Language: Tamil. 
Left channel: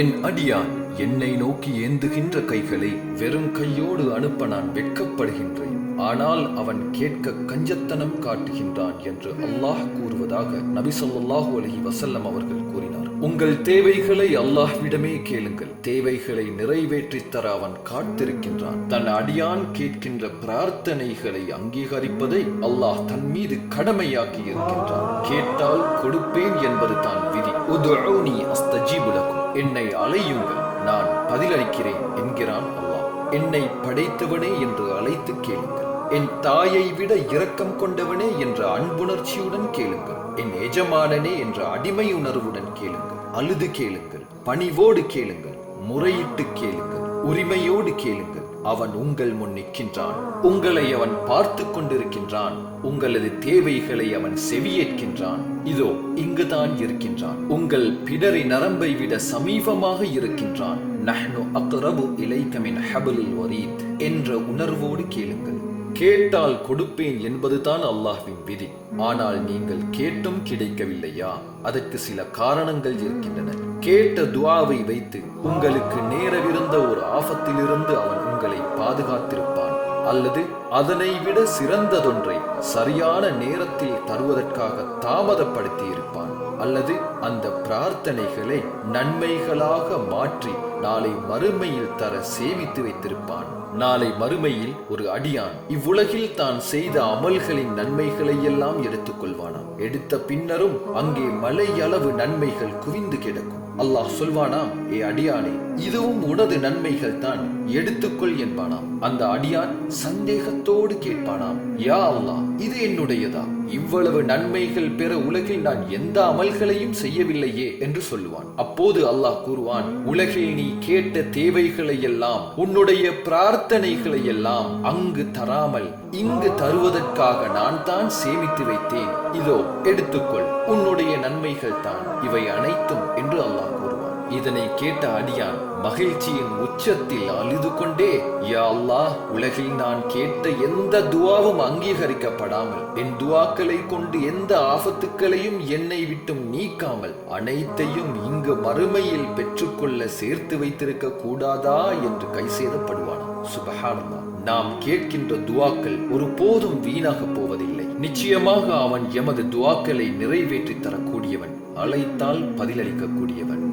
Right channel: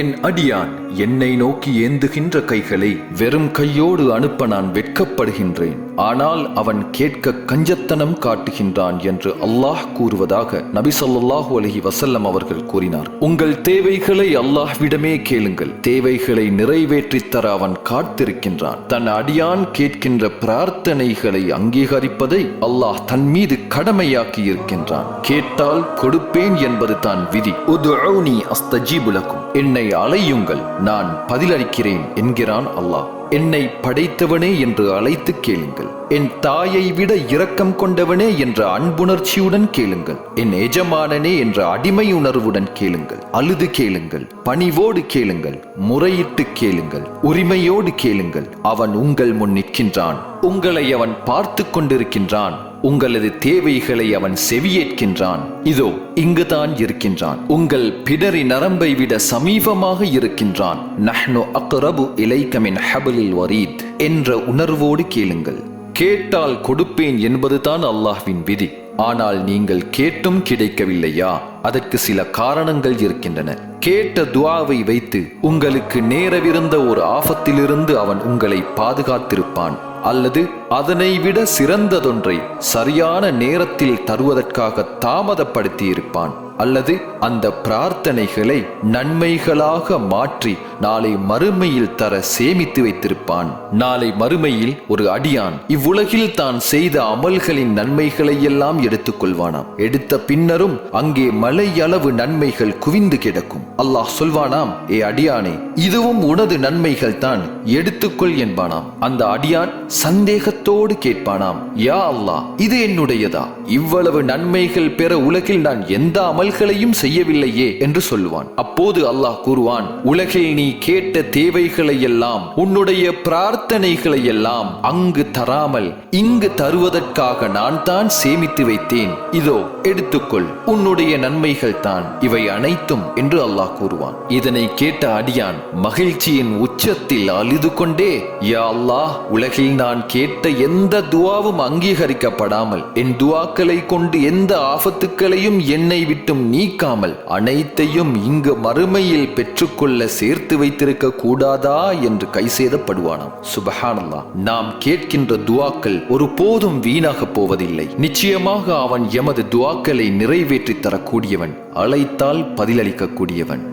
என் அடியான் என்னை நோக்கி ஏந்துகின்ற கைகளை வெறும் கையோடு அனுப்ப நான் வெட்கப்படுகின்றேன். ஆனால் அவன் கேட்க கஞ்சத்தனம் காட்டுகின்றான் என்று அல்லாஹ் கூறுவதாக நபி ஸல்லல்லாஹு அலைஹி வஸல்லம் அவர்கள் கூறினார். உங்கள் தேவைகளை அல்லாஹ்விடமே கேளுங்கள். தேவைகளை நிறைவேற்றித் தர அவன் காத்திருக்கின்றான். தன் அடியான் கேட்கின்ற பிரார்த்தனைகளை அங்கீகரிப்பதை அல்லாஹ் தன் மீது கடமையாக்கி இருக்கின்றான். கேட்டால் கொடுப்பேன் என்பது தான் விதி. உதுஊனி அஸ்தஜீபு லக்கும், என்னை அழையுங்கள் நான் பதிலளிக்கிறேன் என்கிறான் அல்லாஹ். என்னை படைத்தவனே என்று அழைத்து கேளுங்கள். என் தாயை விட இரக்கம் கொண்டவனே என்ற அன்புணர்ச்சியுடன் கேளுங்கள். என் எஜமானனே என்ற அடிமை உணர்வுடன் கேளுங்கள். அழுது கேளுங்கள், பணிவோடு கேளுங்கள், முறையிட்டு கேளுங்கள், உரிமையோடு கேளுங்கள். அவன் உங்கள் முன் நிற்கின்றான். உங்களை அவன் பார்த்து கொண்டிருக்கின்றான். உங்களது தேவைகளை அவன் செவியேற்கின்றான். இதோ இங்குதான் இருக்கின்றான். உங்கள் பிடரி நரம்பை விட சமீபமாக இருக்கின்றான். நஹ்னு அக்ரபு இலைக மின் ஹப்லில் வரீத் என்ற உணர்வோடு கேளுங்கள். கேட்டால் கொடுப்பேன் என்பதுதான் அல்லாஹ்வின் விதி. ஆனால் நீங்கள் கேட்டும் கிடைக்கவில்லையா? அதற்கு சில காரணங்கள் இருக்கின்றன. கேட்ட துஆவை வைத்து உங்களுக்கு நேரவிருந்த ஒரு ஆபத்திலிருந்து அவன் உங்களை பாதுகாத்திருப்பான். அல்லது அதனை விட சிறந்ததொன்றை சரியான நேரத்தில் தருவதற்காக தாமதப்படுத்தி இருப்பான். அல்லது அந்த பிரார்த்தனைகளை நன்மைகளாக மாற்றி நாளை மறுமையில் தர சேமித்து வைத்திருப்பான். நாளை மறுமையில் ஒரு அடியான் இவ்வுலகில் தான் செய்த அமல்களின் நன்மைகளை எல்லாம் எடுத்துக் கொள்வானாம். எடுத்த பின்னரும் அங்கே மலை அளவு நன்மைகள் குவிந்து கிடக்கும். அல்லாஹ் சொல்வானாம், ஏ அடியானே, இதுவும் உனது நன்மைகள் தான், எடுத்துக்கொள் என்பானாம். அந்த அடியான் சந்தேகத்தோடு கேட்பானாம், யா அல்லாஹ், இது என்னுடையதா? இவ்வளவு நன்மைகள் பெற உலகில் நான் எந்த அமல்களையும் செய்யவில்லையே என்று சொல்லுவான். அப்போது அல்லாஹ் கூறுவான், உலகில் நீ கேட்ட தேவைகளை எல்லாம், உன்னுடைய பிரார்த்தனைகளை எல்லாம் அங்கு தராமல் இங்கு தருவதற்காக நான் தான் சேமித்து வைத்தேன். இதோ எடுத்துக்கொள், உன்னுடைய நன்மைகள் தான் இவை அனைத்தும் என்று அல்லாஹ் கூறுவான். இதனை கேட்ட அடியான் மகிழ்ச்சியின் உச்சத்தில் அழுது கொண்டே, யா அல்லாஹ், உலகில் நான் கேட்ட எந்த துஆவும் அங்கீகரிக்கப்படாமல், என் துஆக்களை கொண்டு எந்த ஆபத்துக்களையும் என்னை விட்டும் நீக்காமல் அனைத்தையும் இங்கு மறுமையில் பெற்றுக்கொள்ள சேர்த்து வைத்திருக்க கூடாதா என்று கைசேதப்படுவானாம். சுப்ஹானல்லாஹ். நாம் கேட்கின்ற துஆக்கள் ஒருபோதும் வீணாக போவதில்லை. நிச்சயமாக அவன் எமது துஆக்களை நிறைவேற்றி தரக்கூடியவன், அழைத்தால் பதிலளிக்க கூடியவன்.